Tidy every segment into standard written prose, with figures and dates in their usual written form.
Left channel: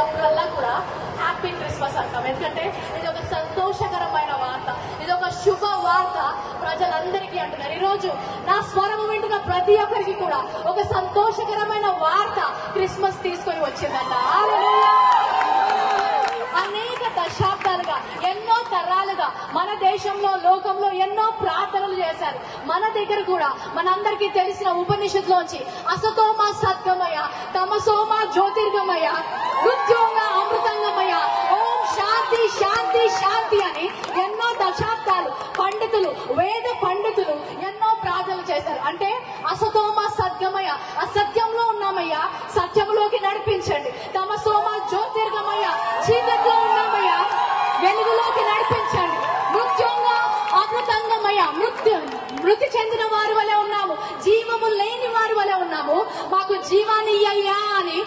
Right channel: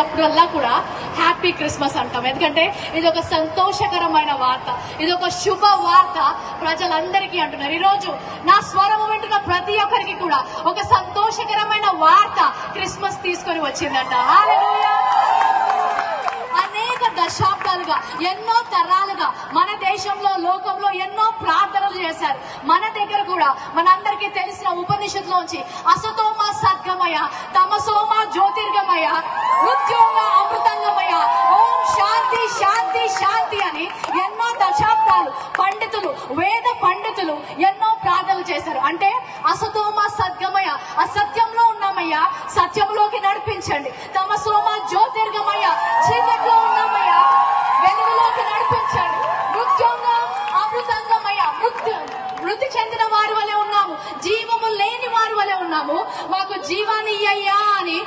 అప్పుడల్లా కూడా happy Christmas అంటాం. ఎందుకంటే ఇది ఒక సంతోషకరమైన వార్త, ఇది ఒక శుభ వార్త ప్రజలందరికీ అంటున్నారు. ఈ రోజు నా స్వరము వింటున్న ప్రతి ఒక్కరికి కూడా ఒక సంతోషకరమైన వార్త క్రిస్మస్ తీసుకొని వచ్చిందంట. అనేక దశాబ్దాలుగా, ఎన్నో తరాలుగా మన దేశంలో, లోకంలో ఎన్నో ప్రార్థనలు చేశారు. మన దగ్గర కూడా మనందరికీ తెలిసిన ఉపనిషత్తులోంచి అసతోమ సద్గమయ, తమసోమ జ్యోతిర్గమయ, మృత్యోమ అమృతంగమయ, ఓం శాంతి శాంతి శాంతి అని ఎన్నో దశాబ్దాలు పండితులు, వేద పండితులు ఎన్నో ప్రార్థనలు చేశారు. అంటే అసతోమ సద్గమయ, అసత్యంలో ఉన్నామయ్యా, సత్యంలోకి నడిపించండి. తమసోమ జ్యోతిర్గమయ, చీకట్లో ఉన్నామయ్యా, వెలుగులోకి నడిపించండి. మృత్యోంగా అమృతంగమయ, మృతి చెందిన వారి వలె ఉన్నాము, జీవము లేని వారి వలె ఉన్నాము, మాకు జీవాన్ని ఇయ్యయ్యా అని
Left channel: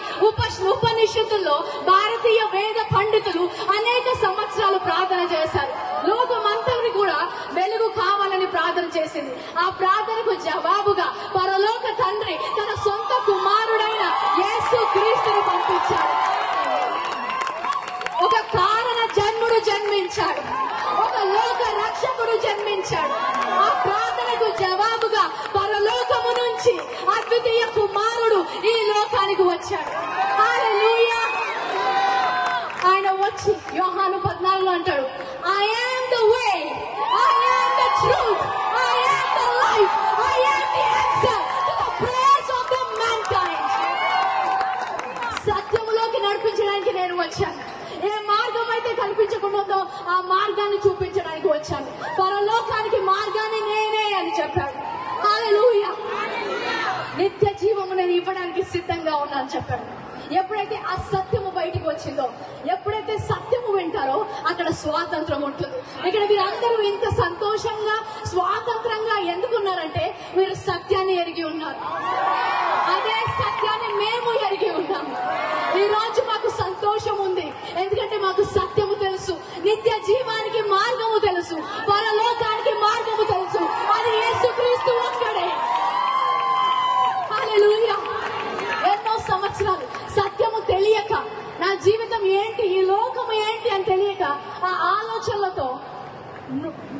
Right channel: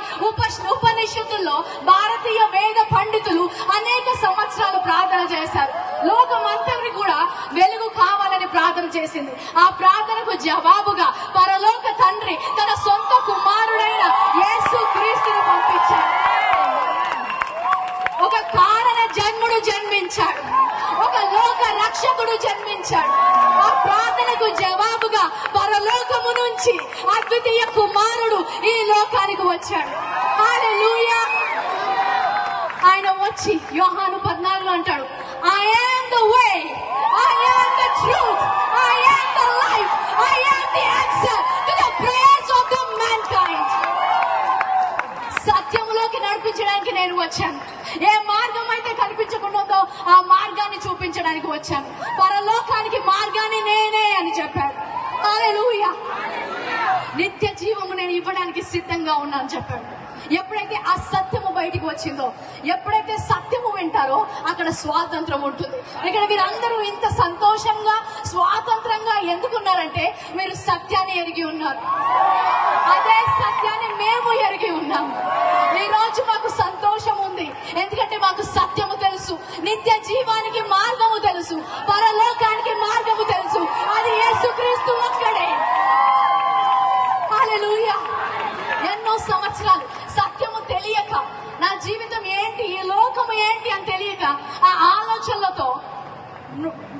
ఉపనిషత్తుల్లో భారతీయ వేద పండితులు అనేక సంవత్సరాలు ప్రార్థన చేశారు. లోకమంతటిని కూడా వెలుగు కావాలని ప్రార్థన చేసింది. ఆ ప్రార్థనకు జవాబుగా పరలోక తండ్రి తన సొంత కుమారుడైన యేసు క్రీస్తును పంపించారు. ఒక కారణ జన్ముడు జన్మించాడు, ఒక లోక రక్షకుడు జన్మించాడు. ఆ ప్రార్థనకు జవాబుగా పరలోకము నుంచి అద్వితీయ కుమారుడు ఈ లోకానికి వచ్చాడు. హల్లెలూయా. ఆయన వచ్చి యోహాను 14 అంటాడు, I am the way, I am the truth, I am the life, I am the answer to the prayers of the mankind. సత్యములోకి నడిపించడానికి నేను వచ్చాను. ఏ మార్గం అయితే కనిపించకుండా ఉందో ఆ మార్గాన్ని చూపించడానికి వచ్చాను. పరలోకానికి మార్గాన్ని నేనే అని చెప్పాడు. హల్లెలూయా. నిత్య జీవము నేను ఇవ్వడానికి సిద్ధంగా ఉన్నాను చెప్పాడు. ఎప్పుడైతే ఆ సత్యము బయటికి వచ్చిందో, ఎప్పుడైతే సత్యము వింటారో అక్కడ స్వాతంత్రం ఉంటుంది. ఇక్కడ మీరందరూ ఇంత సంతోషంగా, స్వాతంత్రంగా ఎందుకున్నారంటే మీరు సత్యాన్ని ఎరిగి ఉన్నారు. అదే సత్యాన్ని మేము ఎరిగి ఉన్నాము. ఈ రోజు మాకు సంతోషం ఉంది, ఎందుకంటే మాకు సత్యము తెలుసు, నిత్య జీవానికి మార్గము తెలుసు, పరలోకానికి మార్గము తెలుసు. అది యేసుక్రీస్తు ఒక్కడే. హల్లెలూయా. ఎన్నో సంవత్సరాలు సత్యము తెలియక, నా జీవితం ఏంటి, ఈ లోకము ఏంటి అని తెలియక ఆ ఆలోచనలతో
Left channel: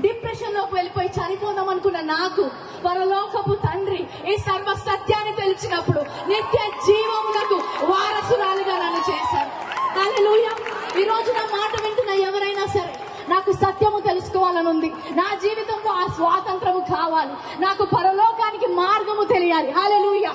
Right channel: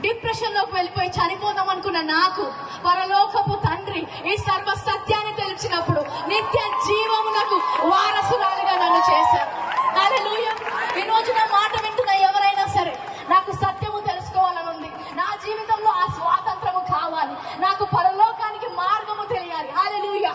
డిప్రెషన్ లోకి వెళ్ళిపోయి చనిపోదాం అనుకున్న నాకు పరలోకపు తండ్రి ఈ సర్వ సత్యాన్ని తెలిసినప్పుడు నిత్య జీవమునకు వారసురాలుగా నన్ను చేశారు. హల్లెలూయా. ఈ రోజు నా మాట వింటున్న ఎవరైనా సరే, నాకు సత్యము తెలుసుకోవాలని ఉంది, నా జీవితంలో ఆ స్వాతంత్రము కావాలి, నాకు పరలోకానికి మార్గము తెలియాలి. హల్లెలూయా.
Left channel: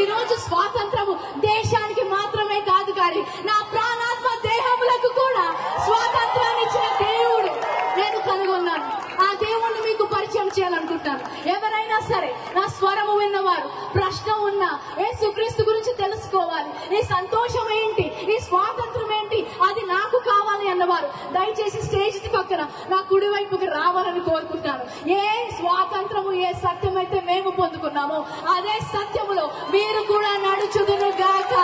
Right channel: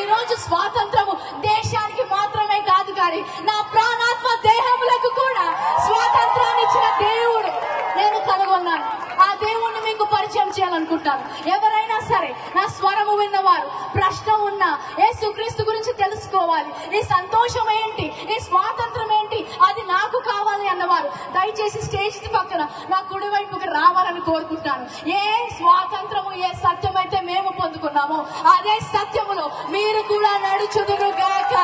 ఈ రోజు స్వాతంత్రము దేశానికి మాత్రమే కాదు, కానీ నా ప్రాణాత్మ దేహములకు కూడా స్వాతంత్రాన్ని ఇచ్చిన దేవుడు నేను కనుగొన్నాను. ఆ దేవుణ్ణి మీకు పరిచయం చేయాలనుకుంటాను. ఎవరైనా సరే నా స్వరము విన్నవారు, ప్రశ్న ఉన్నా, యేసుక్రీస్తు గురించి తెలుసుకోవాలి, ఈ సంతోషం ఏంటి, ఈ స్వాతంత్రం ఏంటి, అది నాకు కావాలి అన్నవారు దయచేసి స్టేజ్ పక్కన నా కుడి వైపుకి రావాలని కోరుకుంటాను. ఏ స్వాతంత్రము, ఏ సత్యం అయితే మేము పొందుకున్నామో అదే సత్యములో మీరు కూడా నడుచుదురుగాక.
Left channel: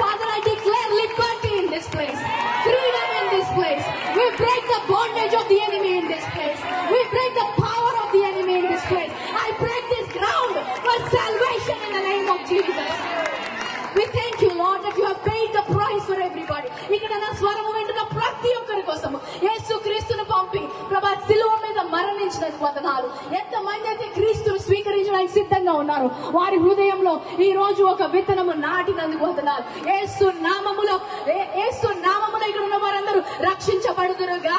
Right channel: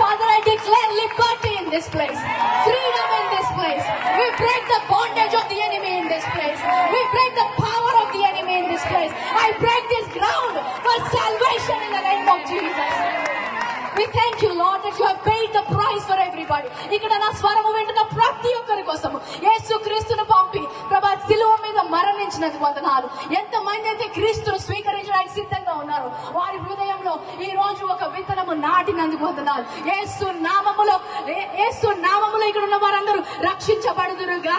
Father, I declare liberty in this place, freedom in this place. We break the bondage of the enemy in this place. We break the power of the enemy in this place. I break this ground for salvation in the name of Jesus. We thank you, Lord, that you have paid the price for everybody. ఇక్కడ నా స్వరము వింటున్న ప్రతి ఒక్కరి కోసము యేసు క్రీస్తును పంపి ప్రభా శిలువ మీద మరణించినందుకు వందనాలు. ఎంతమంది అయితే క్రీస్తును స్వీకరించడానికి సిద్ధంగా ఉన్నారు, వారి హృదయంలో ఈ రోజు ఒక విత్తనము నాటినందుకు వందనాలు. యేసు నామములో ఇక్కడ ఉన్న వారందరూ రక్షించబడుదురుగా.